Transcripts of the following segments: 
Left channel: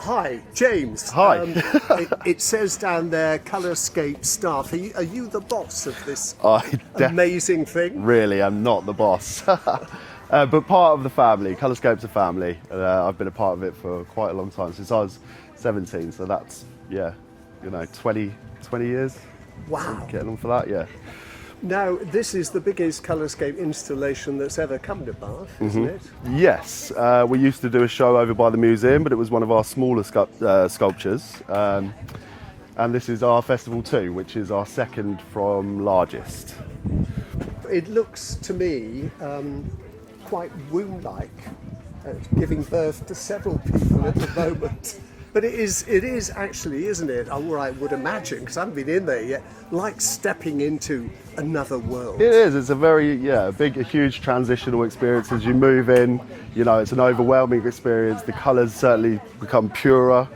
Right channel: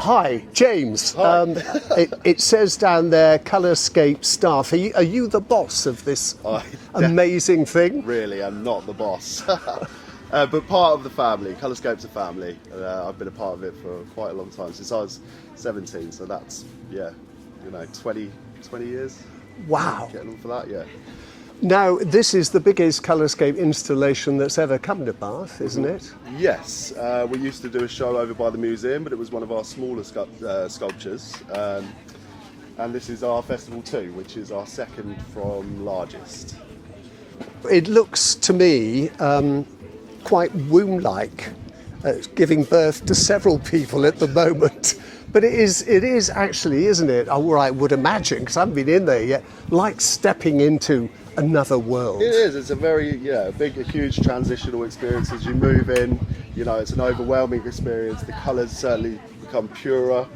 Hi, James. Hi. It says down there, Colourscape staff. Are you the boss of this amazing thing? Really, I'm not the boss. But part of the family. Colourscape's a family. I've been a part of it for quite a long time, since I was 17. So that's, 20 years. Wow. Getting on for that, yeah. Now, this is the biggest Colourscape installation that's ever come to Bath, isn't it? Yes, we used to do a show over by the museum, but it was one of our smaller sculptures. And this is our Festival 2, which is our second from largest. It looks to me quite womb-like, giving birth to several people at the moment. But it is actually, isn't it? Or I would imagine, because I haven't been in there yet, like stepping into another world. It is. It's a very, a huge transitional experience as you move in. It's an overwhelming experience. The colours certainly become purer.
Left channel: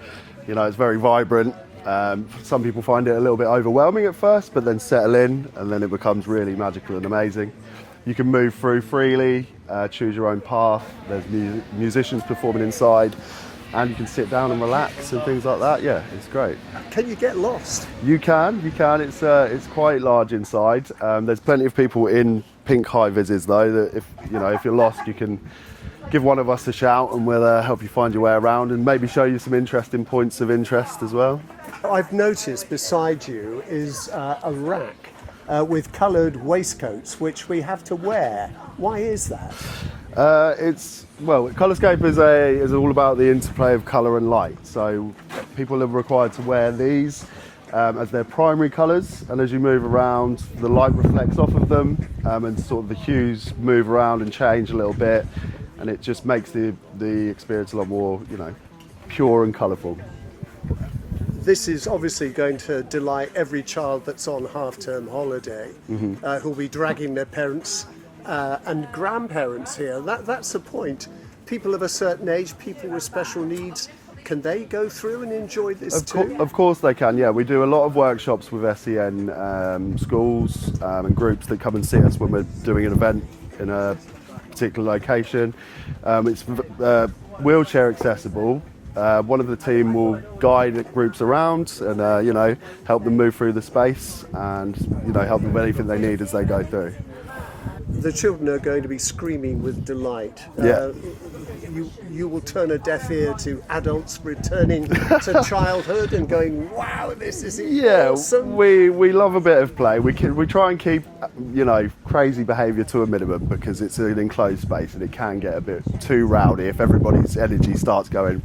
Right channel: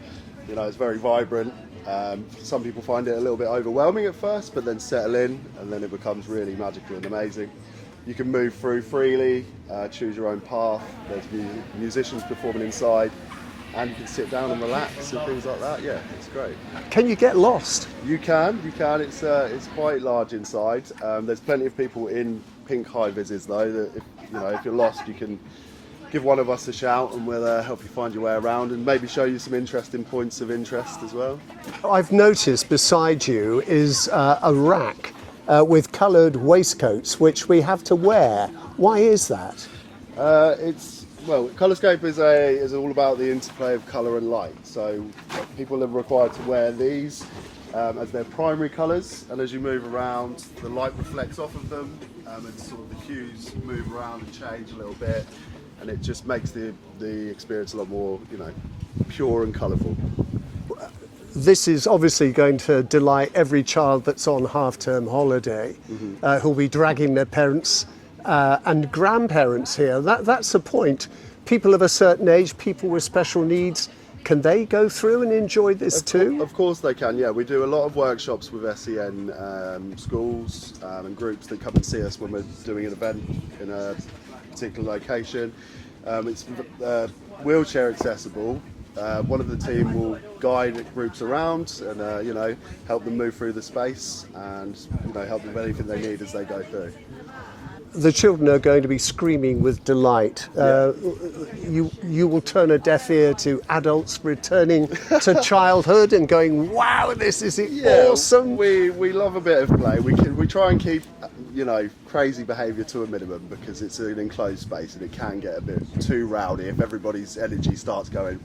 It's very vibrant. Some people find it a little bit overwhelming at first, but then settle in, and then it becomes really magical and amazing. You can move through freely, choose your own path. There's musicians performing inside, and you can sit down and relax and things like that. Yeah, it's great. Can you get lost? You can. It's quite large inside. There's plenty of people in pink high-vises though, that if you're lost, you can give one of us a shout and we'll help you find your way around and maybe show you some interesting points of interest as well. I've noticed beside you is a rack with coloured waistcoats which we have to wear. Why is that? Colourscape is all about the interplay of colour and light. So people are required to wear these as their primary colours, and as you move around, the light reflects off of them, and sort of the hues move around and change a little bit, and it just makes the experience a lot more, pure and colourful. This is obviously going to delight every child that's on half-term holiday, who'll be dragging their parents and grandparents here. That's the point. People of a certain age, people with special needs, can they go through and enjoy this too? Of course they can, yeah. We do a lot of workshops with SEN schools and groups that come and see us when we're doing an event in a particular location. It's wheelchair accessible. One of the team will guide groups around and help them move through the space and help them with anything they need as they go through. The children are going to be screaming with delight. You will turn a deaf ear to adults returning to childhood and going, wow, this is awesome. We love a bit of play. We try and keep crazy behaviour to a minimum because it's an enclosed space and it can get a bit too rowdy if everybody's energy starts going.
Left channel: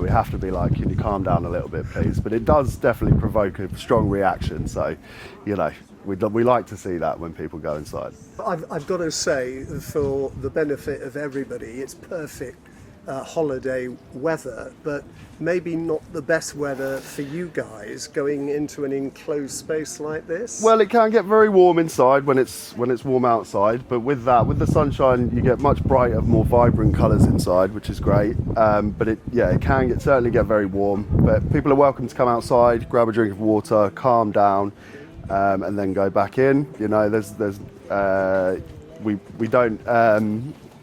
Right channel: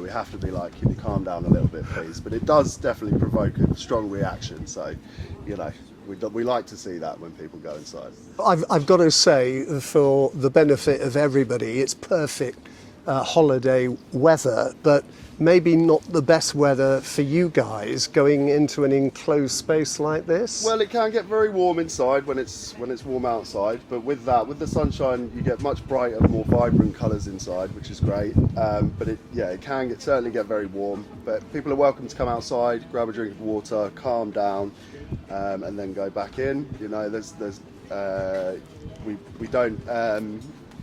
We have to be like, can you calm down a little bit, please? But it does definitely provoke a strong reaction. So, we like to see that when people go inside. I've got to say, for the benefit of everybody, it's perfect holiday weather, but maybe not the best weather for you guys going into an enclosed space like this. Well, it can get very warm inside when it's warm outside, but with the sunshine, you get much brighter, more vibrant colours inside, which is great. But it can certainly get very warm. But people are welcome to come outside, grab a drink of water, calm down, and then go back in. We don't.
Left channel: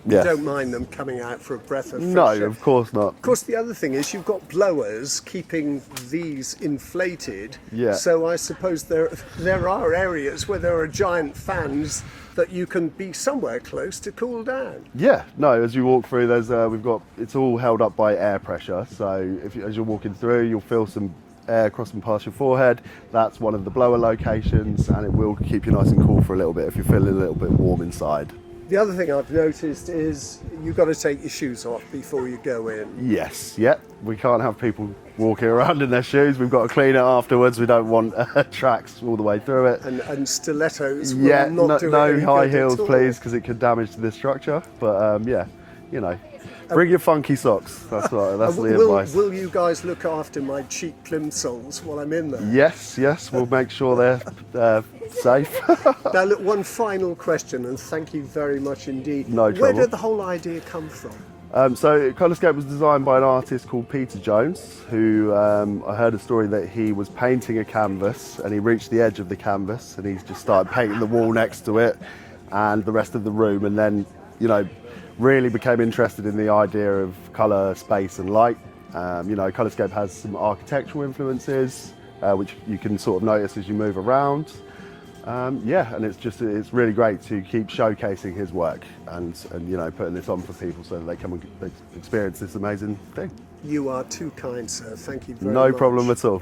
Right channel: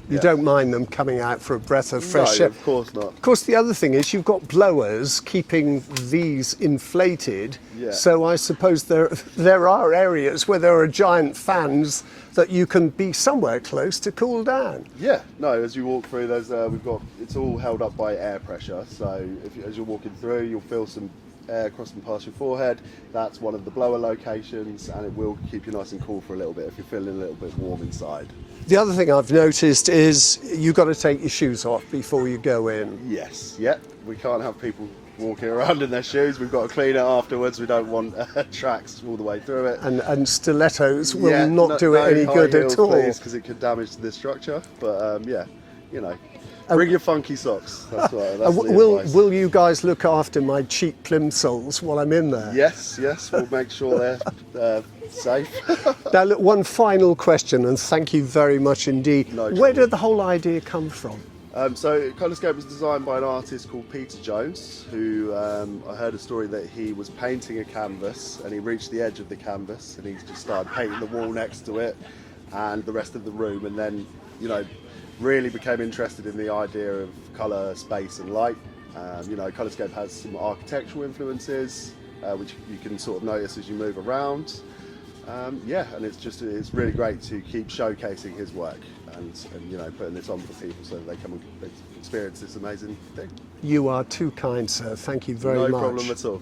You don't mind them coming out for a breath of fresh air? No, of course not. Of course, the other thing is you've got blowers keeping these inflated. Yeah. So I suppose there are areas where there are giant fans that you can be somewhere close to cool down. Yeah. No, as you walk through, it's all held up by air pressure. So as you're walking through, you'll feel some air crossing past your forehead. That's one of the blower locations, and it will keep you nice and cool for a little bit if you're feeling a little bit warm inside. The other thing I've noticed is you've got to take your shoes off before you go in. Yes, yeah. We can't have people walking around in their shoes. We've got to clean it afterwards. We don't want tracks all the way through it. And stilettos will not do it any good heels, at all. Please, because it could damage the structure. But bring your funky socks. That's the advice. Will you guys look after my cheap plimsolls while I'm in there? Yes. We'll make sure they're safe. Now, look, one final question, and thank you very much indeed. No trouble. Where did the whole idea come from? So Colourscape was designed by an artist called Peter Jones, who I heard a story that he was painting a canvas and he reached the edge of the canvas and he just started painting the wall next to it and the rest of the room, and then really became interested in the idea of colour, space and light, You know, Colourscape has some architectural influences, which you can sort of notice as you move around. Yeah, and it's really great to keep showcasing his work and you know, putting this on for people so that they come and experience this amazing thing. You are too kind, sir. Thank you very much. No problem at all.